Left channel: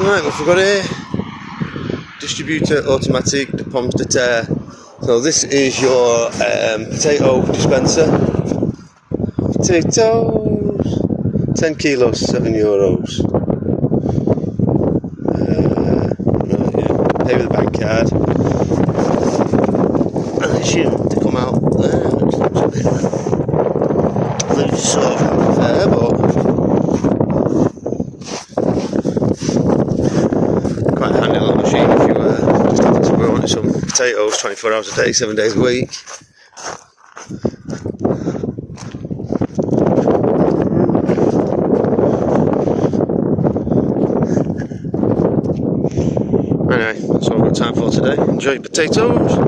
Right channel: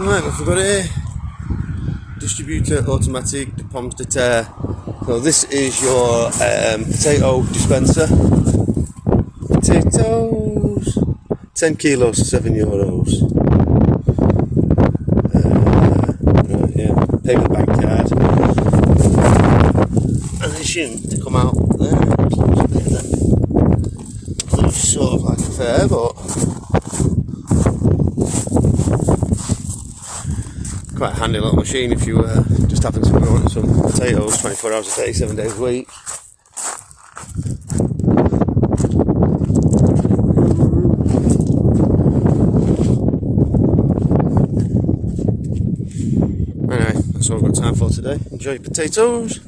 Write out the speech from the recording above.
Right, what have we got here? Distributeur, automatique, de pommes de terre. So this is your potato dispenser. Potatoes, 10 kilos, €7. Right, yeah. Pay with a bank card. And it should come out there. Looks a bit there. I think it's sort of like fair, but quite a handy little machine if you just happen to be wanting some potatoes 24 hours a day, 7 days a week. Anyway, that's all I've got time for today. Enjoy your potatoes.